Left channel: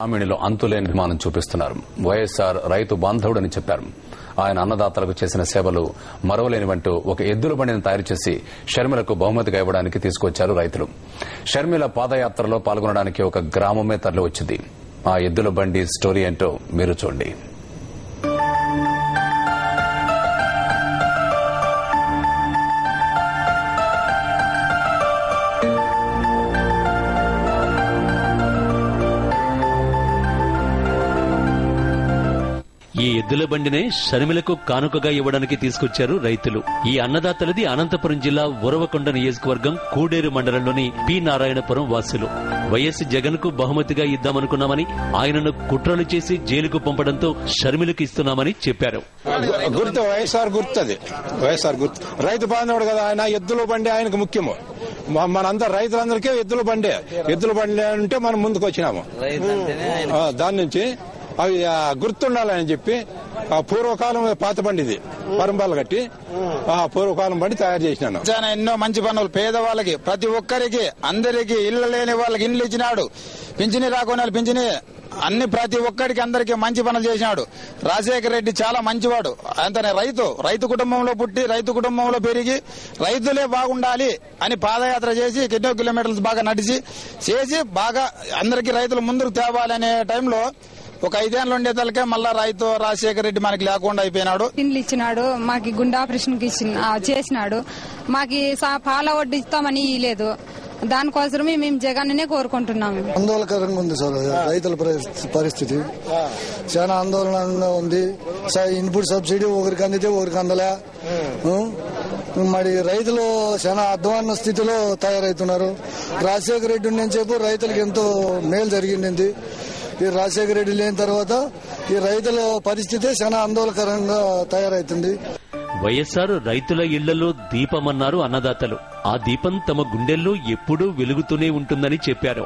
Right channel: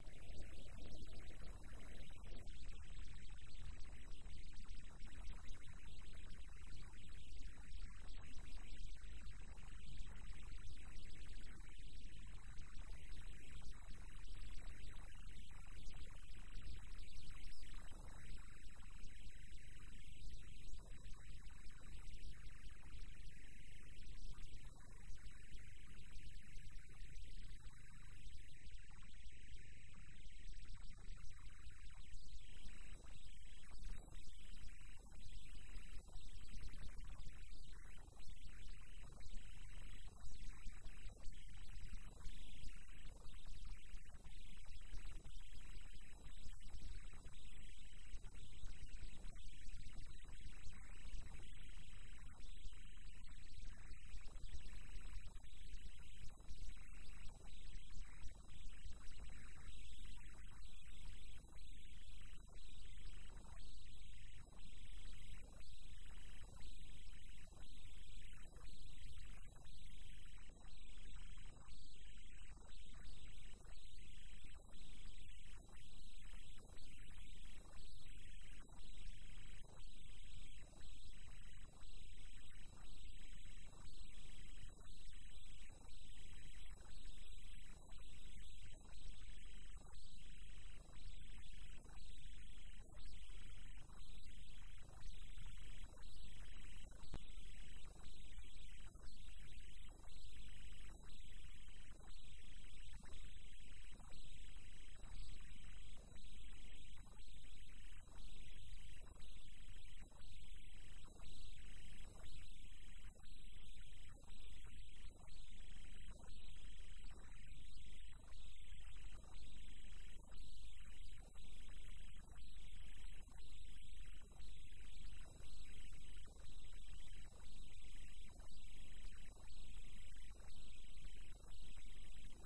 గ్రామీణులు అంతులేని అభిమానం చూపిస్తున్నారు. వైఎస్ఆర్ రైతు బాంధవుడని చెప్పారు. ఆయన అన్నదాతలకు చేసిన సేవలు మరవలేనివంటూ ఒక ఎద్దుల బండిని తయారు చేసి షర్మిలకు బహుమతిగా ఇవ్వడానికి తీసుకొచ్చారు రైతులు. షర్మిల పాదయాత్రలో పాల్గొనడానికి ఒక గ్రామమే తరలి వచ్చింది. ఆ ఎద్దుల బండి స్టోరీ ఏంటో మీరు చూడండి. ఈ ఎద్దుల బండినే షర్మిలకు కానుకగా ఇవ్వడానికి తీసుకొచ్చారు రైతులు. ఈ అన్నదాతలది అనంతపురం జిల్లా ఉరవకొండ నియోజకవర్గం కూడేరు మండలంలోని పి నారాయణపురం వాసులు. వైఎస్ జగన్ కు బహుమతిగా ఇద్దామనుకున్నామని, ఆయనను కుట్రలు చేసి జైలుకు పంపడంతో షర్మిలకు ఇస్తున్నామని చెప్పారు. గుర్తు వైఎస్ఆర్ గుర్తు రైతు బాంధవుడు కదా ఆయన. ఎద్దుల బండి ఆయనకు ముఖ్యము. మనంతా రైతులందరికీ ఎద్దుల బండి అంటే మనం ముందుకు వచ్చినాము. దాని నుంచి అవి గుర్తుండాలని చెప్పి పూర్వకాలం పాత బండిది పరంబాలు కట్టి పూర్వకాలం బండి తయారు చేసినాను. ఎన్నో మంచి పనులు పేదవాళ్ళకి, ప్రతి ఒక్కరికి, అందరికి, ఇళ్ల లేని వాళ్ళకి ఇండ్లు ఇచ్చినాడు. పింఛని రాకుండా పింఛని అన్ని ప్రతి ఒక్కరికి అందరికి మంచి పనులు చేసినాడు. రాజశేఖర రెడ్డి చాలా మంచివాడు. అంతనే రైతు కుటుంబంలో పుట్టి, రైతు కుటుంబంలో పెరిగి, రైతులే బాగుండాలి అని పాదయాత్ర చేసి ఎన్నో కిలోమీటర్లు బాగా నడిచి చేసి బాగా అందరికి రైతులు ముందుకు తేవాలనే టైంలో ఒక 5 ఏళ్ళు ఉండేదానికే మళ్ళా రైతు రాజశేఖర రెడ్డి మనకి లేకుండా అయిపోయినాడు. ఇండ్లు ఇచ్చినాడు, మాకి గుండె ఆపరేషన్ చేసినాడు, మాకి పాల వడ్డీ ఇస్తామని ఇవ్వలేదు. దానికోసమే మేము జగన్నే కోరుకుంటున్నాము. ఆందోళనకరంగా ఉంది సార్ రైతుల పరిస్థితి. చాలా ఆందోళనగా ఉంది. ఇన్పుట్ సబ్సిడీ ఒకరికి అందితే ఒకరికి అందలే. మరి రైతులు చాలా అధ్వాన్న స్థితిలో తయారవుతున్నారు. రాజశేఖర రెడ్డి నుంచి రైతులకు ఎంతో మేలు జరిగింది. ఈ రాజశేఖర రెడ్డి లేని తర్వాత ఈ రైతుల పరిస్థితి చాలా ఆందోళనకరంగా తయారైతుంది. వైఎస్ఆర్ రైతుల ఇళ్లలో దీపమన్నారు అన్నదాతలు. ఆ దీపం తమ గుండెల్లో ఎప్పుడూ వెలుగుతూనే ఉంటుందని చెప్పారు.